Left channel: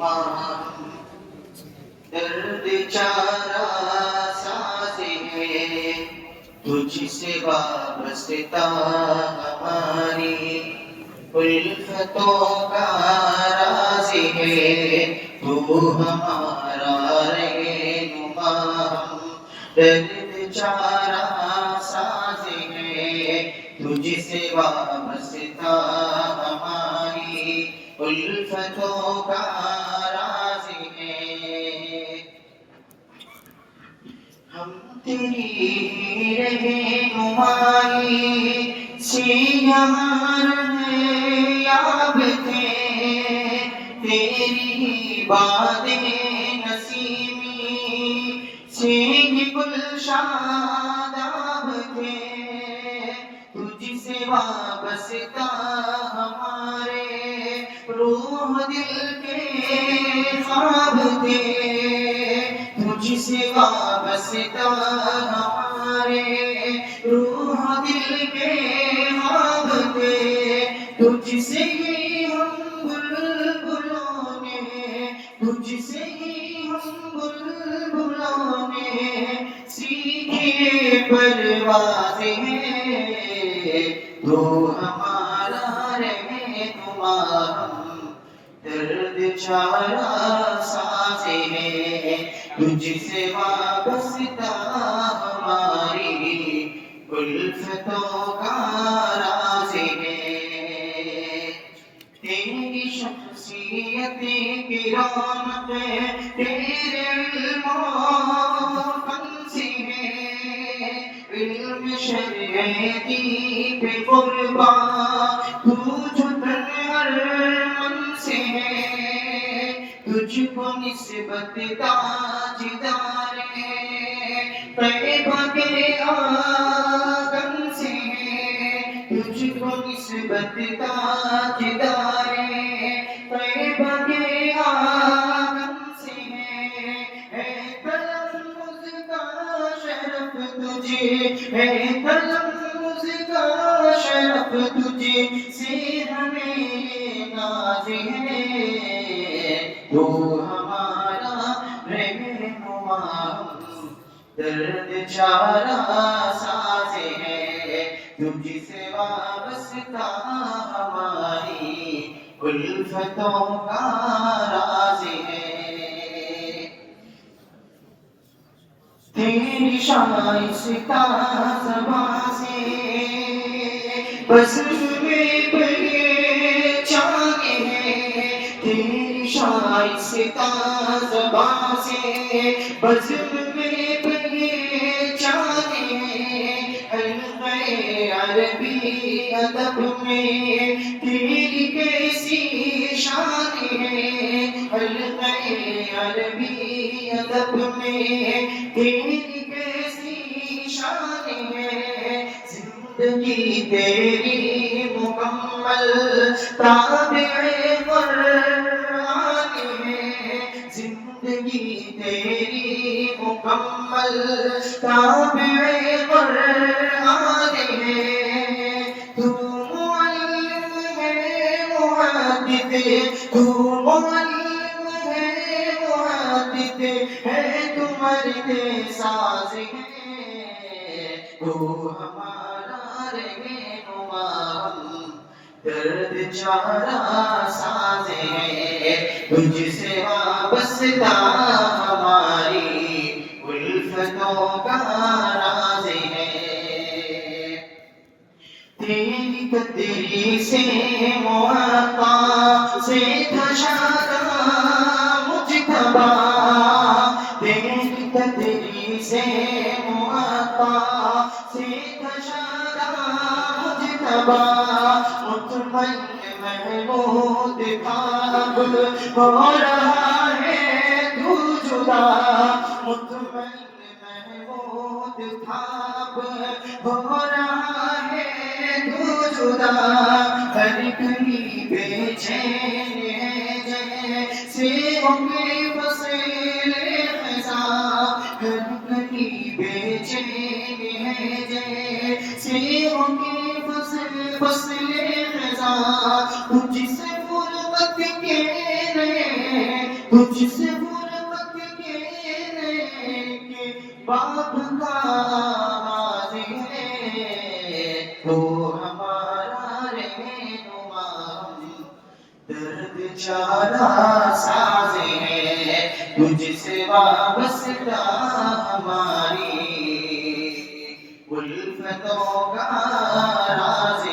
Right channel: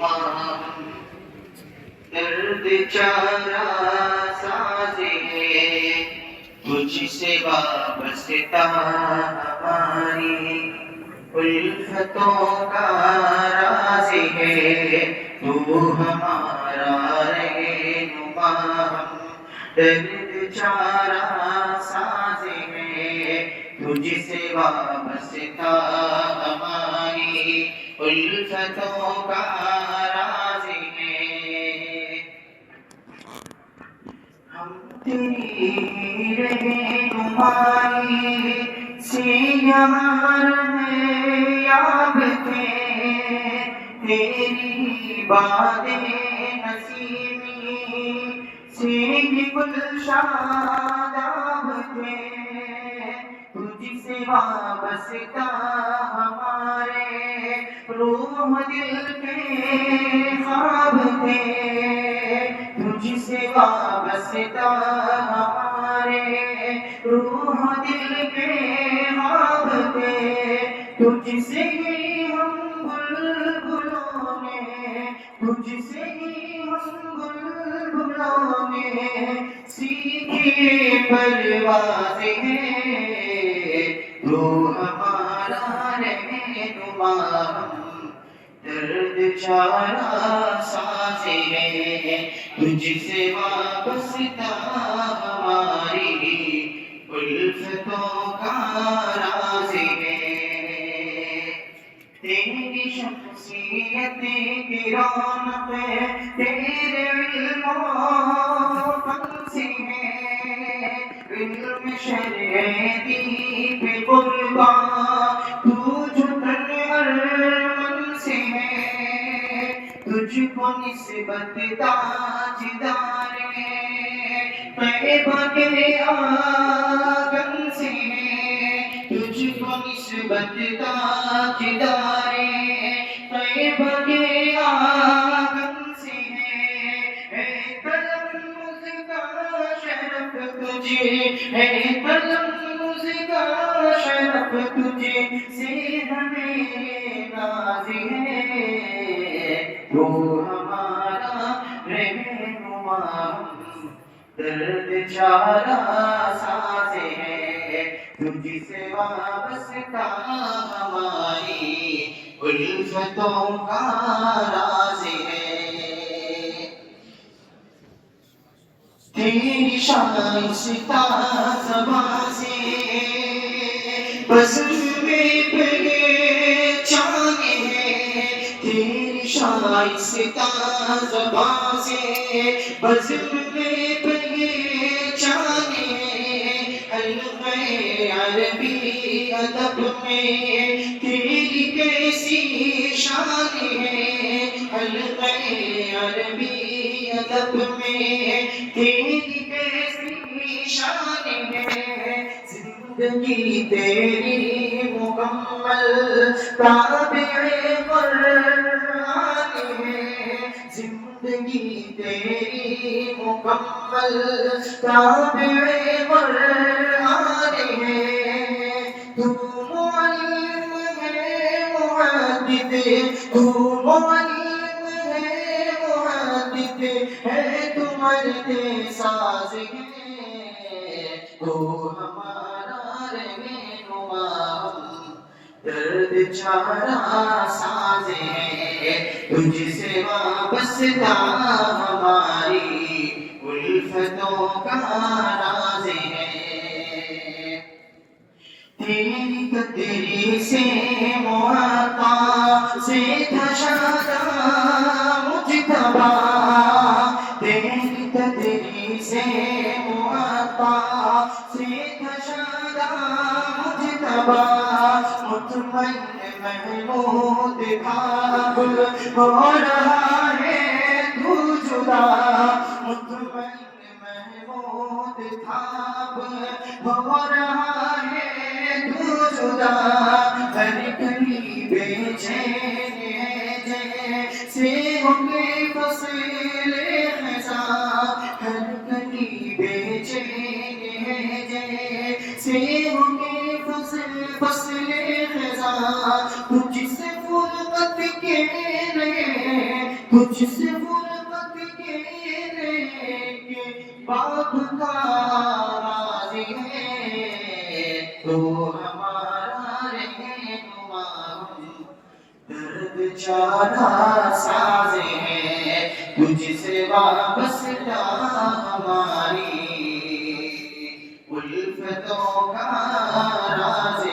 نمام درد چارہ ساز ہے تجھ سے وابستہ ہماری الفتوں کا راز ہے تو ہمارا رہنما درد چارہ ساز ہے تجھ سے وابستہ ہماری الفتوں کا راز ہے ہم تیری رہنمائی سے یار یاب تھے تیری باتیں نسیمی سے گل شاداب تھے تجھ سے وابستہ ہمارے روح دل کے خواب تھے تجھ سے وابستہ ہمارے روح دل کے خواب تھے تجھ سے ہی ہم بلبلوں نے تجھ سے ہی ہم بلبلوں نے سیکھے پرواز ہے تو ہمارا رہنما درد چارہ ساز ہے تجھ سے وابستہ ہماری الفتوں کا راز ہے تیری شخصیت کی رونق تیرے علم و فن سے ہے علم شریعتی پہ قربان تو جھکن ہر من سے ہے تجھ کو نسبت تاجدار طیبہ کے آنگن سے ہے تجھ کو نسبت تاجدار طیبہ کے آنگن سے ہے تلفظ کا شرف تجھے ہے تلفظ کا شرف تجھے سے ہمیں ناز ہے تو ہمارا رہنما درد چارہ ساز ہے تجھ سے وابستہ ہماری الفتوں کا راز ہے تیری شائستہ زبان سے بزم میں پہچان ہے تیری شائستہ زبان سے بزم میں پہچان ہے حلقۂ عربی ادب میں تیری کیسی شان ہے حلقۂ عربی ادب میں تیری کیسی شان ہے زندگی تیری مکمل تابع قرآن ہے زندگی تیری مکمل تابع قرآن ہے تو معلم ہے محدث تو معلم ہے محدث ہے تو مرد ساز ہے تو ہمارا رہنما درد چارہ ساز ہے تجھ سے وابستہ ہماری الفتوں کا راز ہے تیری قدری سے موقع سے تھا شادہ مجتبیٰ تیری قدری سے موقع سے تھا شادہ مجتبیٰ مطمئن محمود بھاگ ہو رہا ہے تو جدا مطمئن محمود بھاگ ہو رہا ہے تو جدا ہر کلی بے چین ہے جیسے ان کے فصل خزاں ہر کلی بے چین ہے جیسے ان کے فصل خزاں تجھ سے فرقت کے لیے باپ کا راز ہے تو ہمارا رہنما درد چارہ ساز ہے تجھ سے وابستہ ہماری الفتوں کا راز